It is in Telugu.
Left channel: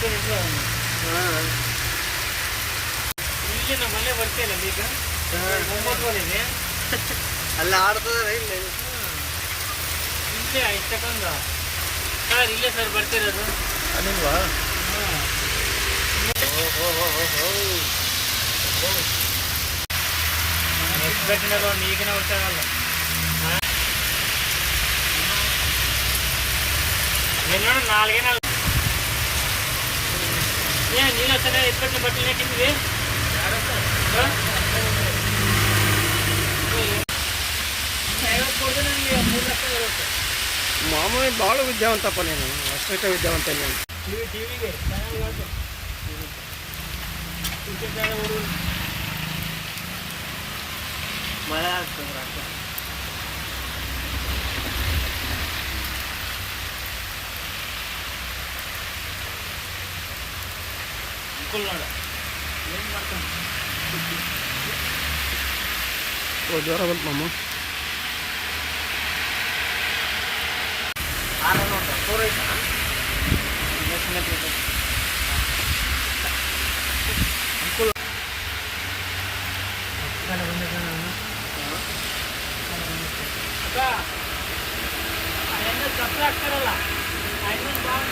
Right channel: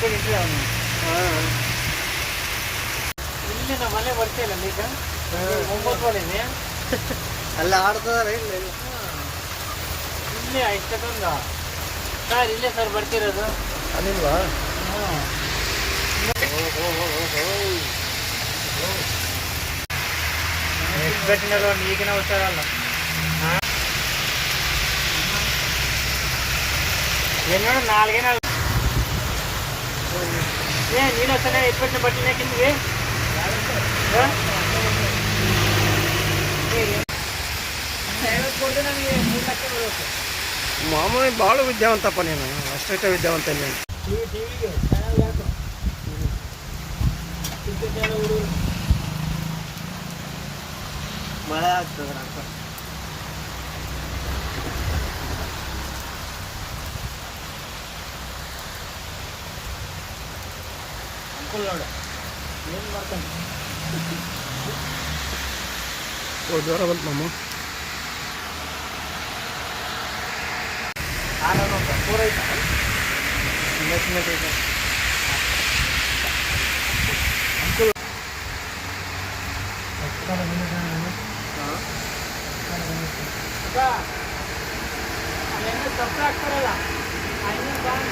ಬರ್ತೀನಿ ನಮ್ಮ ಮನೆ ಬರ್ತಿಲ್ಲ ಈಗ. ಒಂಬತ್ತು ಮನೆ ಅಲ್ಲಿ ಆಡ್ತದಾರೆ ಇಲ್ಲಿ? ಇಲ್ಲೇ ಇಷ್ಟಕ್ಕೊಂದ ಸರ್ ಇಲ್ಲೇ ಸರ್ ಬರ್ತಿರೋದು. ಅಲ್ಲಿಲ್ವಾ? ಒಂದು ಈಗಿನ ಹುಷಾರಲ್ಲ. ಏನೋ ನಾಲ್ಗೇನ ఏ నీళ్ళు వస్తున్నాయి? ఎప్పటిన బట్టలే కింది మామూలు బాಳ విద్యావంత అప్ప నేను అష్టట విద్యావంత నేను మళ్ళా కుక్కున్నాడు ఏం పడతాను ఓ జ్వరం వెళ్తున్నాము ఆరు ఫోర్ అవుతాను అంకుల్. చెప్తా అక్కడల్లా ఆయన బాగా